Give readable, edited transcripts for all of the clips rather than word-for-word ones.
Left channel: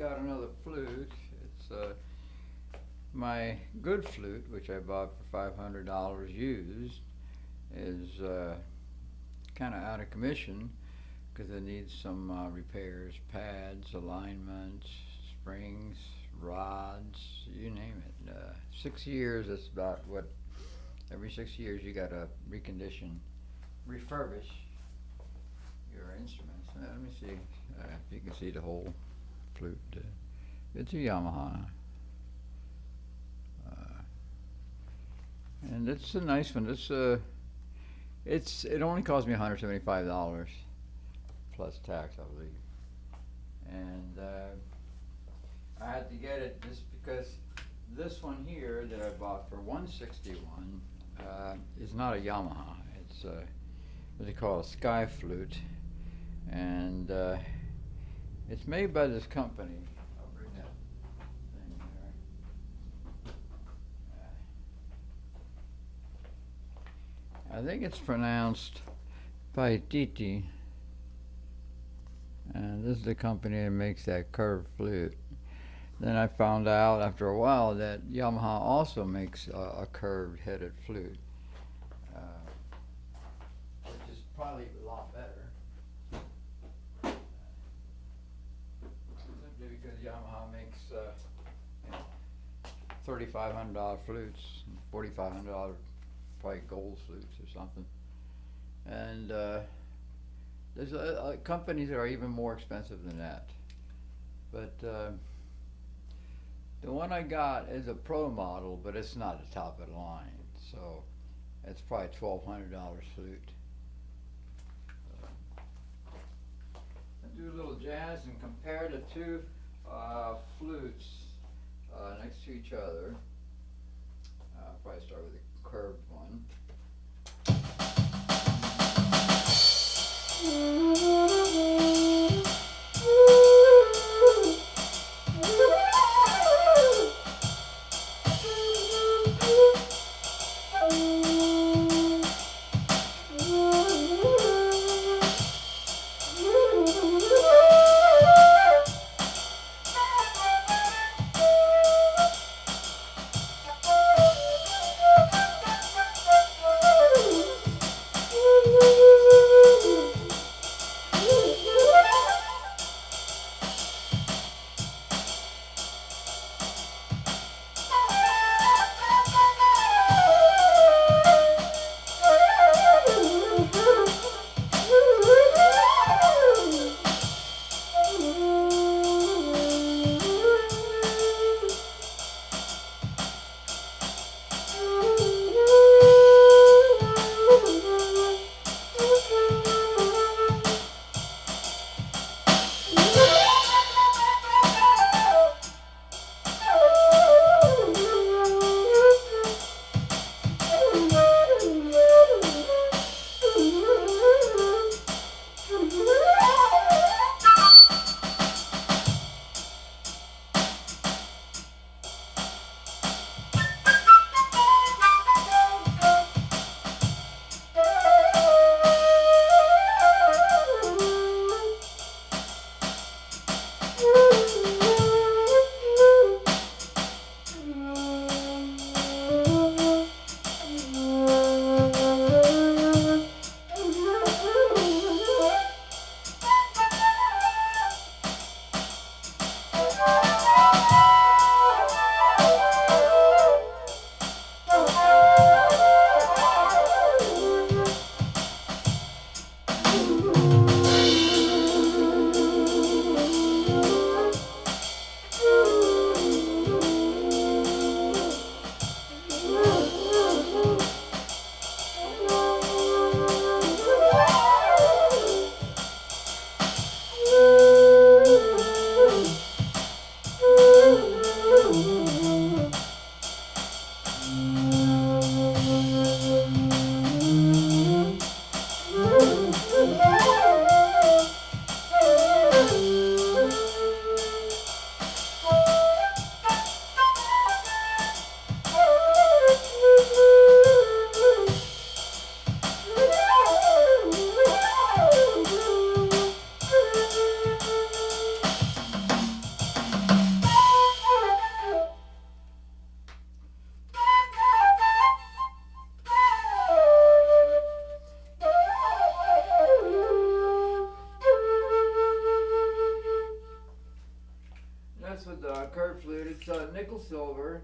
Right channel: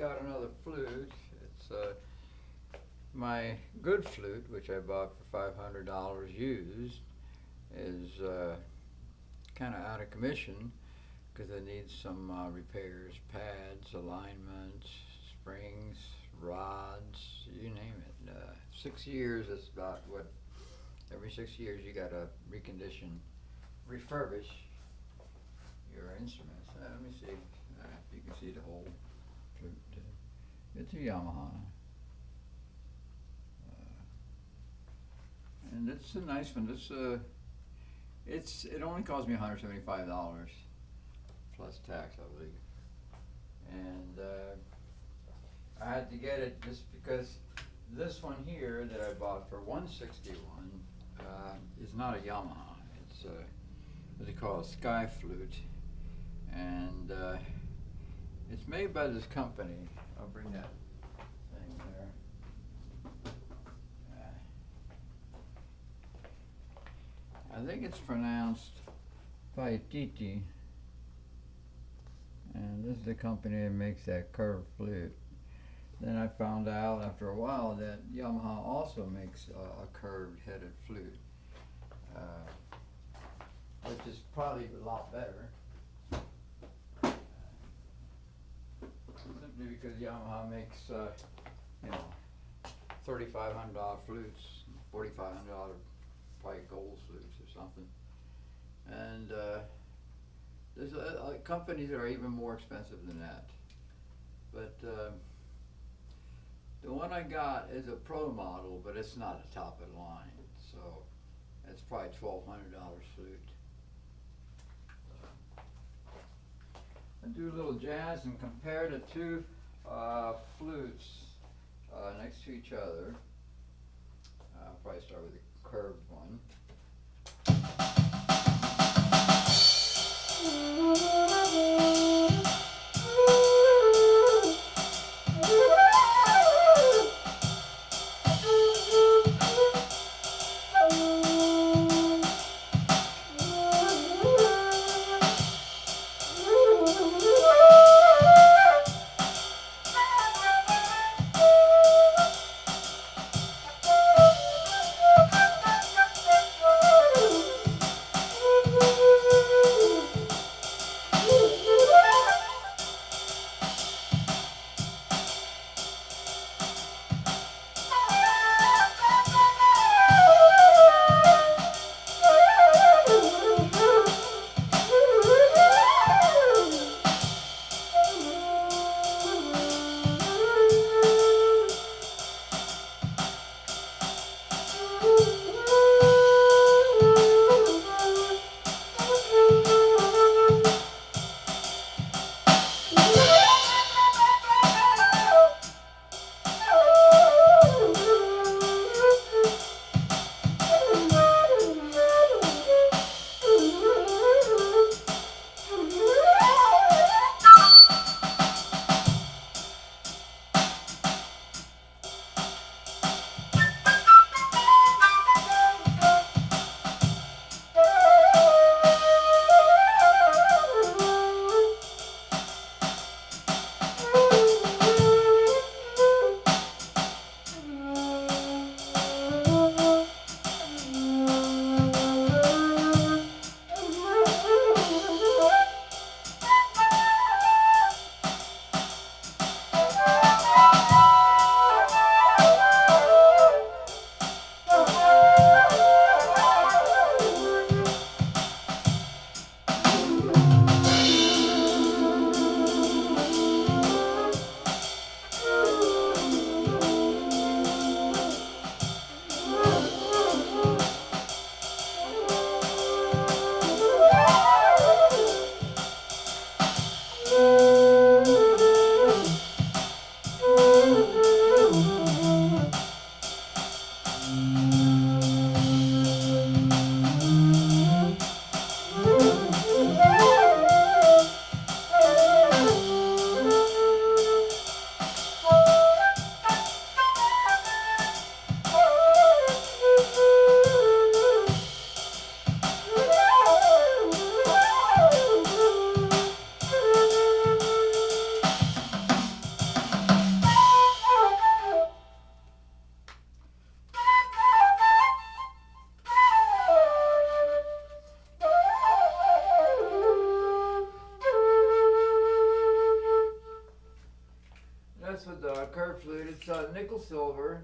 got another flute. It's my good flute, which I bought for $500 used, is kind of out of commission because it needs some repairs, pads, alignments, springs, rods, you name it. 6 years, that's about what, every 6 years you gotta recondition, refurbish your instruments. Let me see if you can see the whole flute. It's a Yamaha. And it's a nice one. It only cost me $175 plus tax, I believe. And I had to get it just because this one here that I bought for $161 is not a Yamaha. It's what they call a sky flute, and it's made by this company. I'll bring that thing there. I think it's pronounced Paititi, and this is the company that makes that curved flute. Then I found out after a while that Yamaha also makes a curved headed flute, which is probably a lot better. Simply because Yamaha makes $3,500 flutes, $4,500 probably gold flutes or something. And there's companies that are even more expensive than that. But the one I got is a pro model, but it's not the top of the line. So it's probably $1,200 flute. I do a little jazz and compare the two flutes next to each other. I'll probably start with the curved one. it's nickel silver.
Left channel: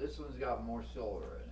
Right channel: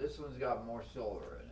This one's got more silver in it.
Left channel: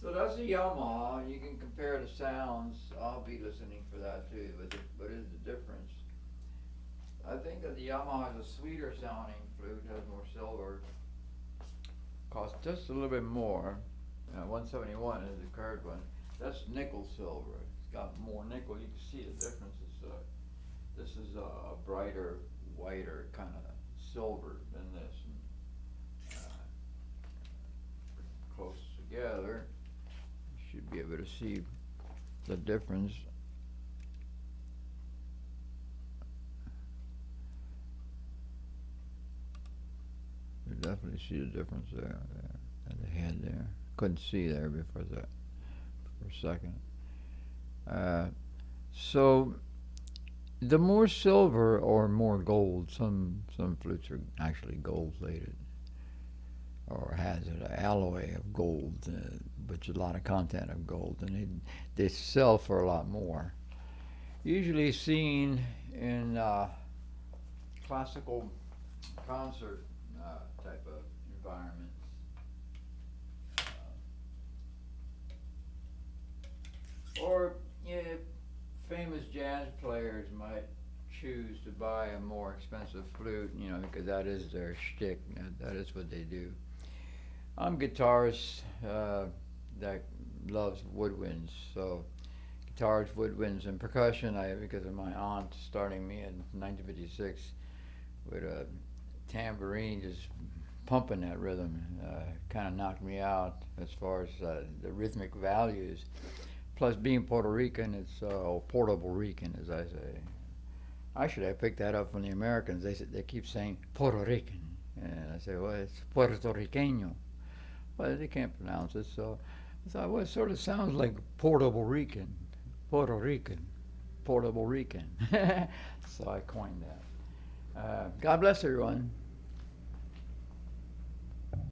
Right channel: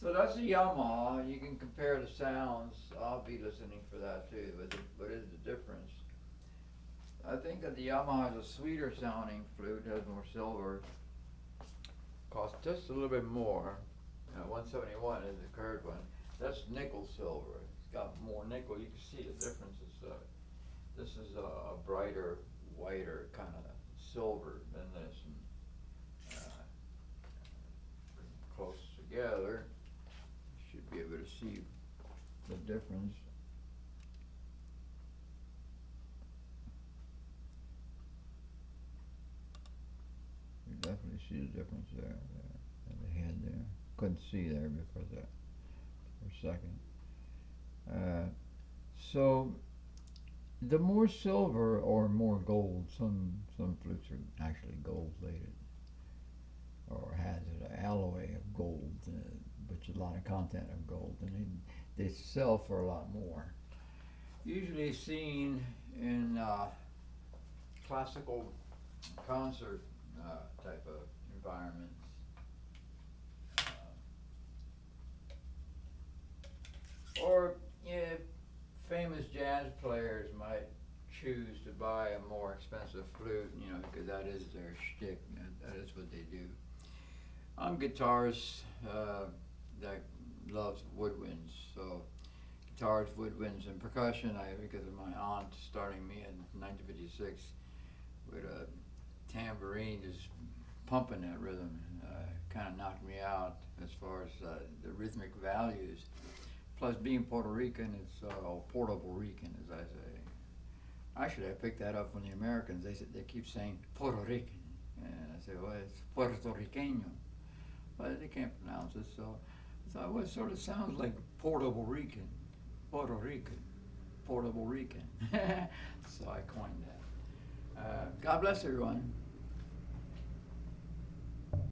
So that's a Yamaha. You can compare the sounds. I'll be listening for that too. What is the difference? I think that the Yamaha is a sweeter sounding flute, has more silver. Costs just a little bit more. 171 is the curved one. That's nickel silver. It's got more nickel. You can see the difference. This is a brighter, whiter kind of silver than this. And, bring them close together. You should be able to see the difference. You definitely see the difference there. And the head there. Couldn't see there before that for a second. So the more silver or more gold, some flutes are actually gold plated or has an alloy of gold, which is a lot of content of gold, and they sell for a lot more. Usually seen in classical concert type of environments. Or famous jazz players might choose to buy a more expensive flute, because that is their shtick. That is what they do. I'm a guitarist that loves woodwinds, so guitars, woodwinds, and percussion. Because of my aunt starting me in 1956 with a tambourine, just pumping that rhythm, kind of knocked me out as far as the rhythmic values. Plus, being Puerto Rican, it's Portable Rican, as I say. Actually, I picked that up from the Americans. They keep saying Puerto Rican, and I say, well, it's Puerto Riqueño, but they can't pronounce it. So I thought, well, it sort of sounds like Portable Rican, Puerto Rican, Portable Rican. So I coined that. God bless everyone.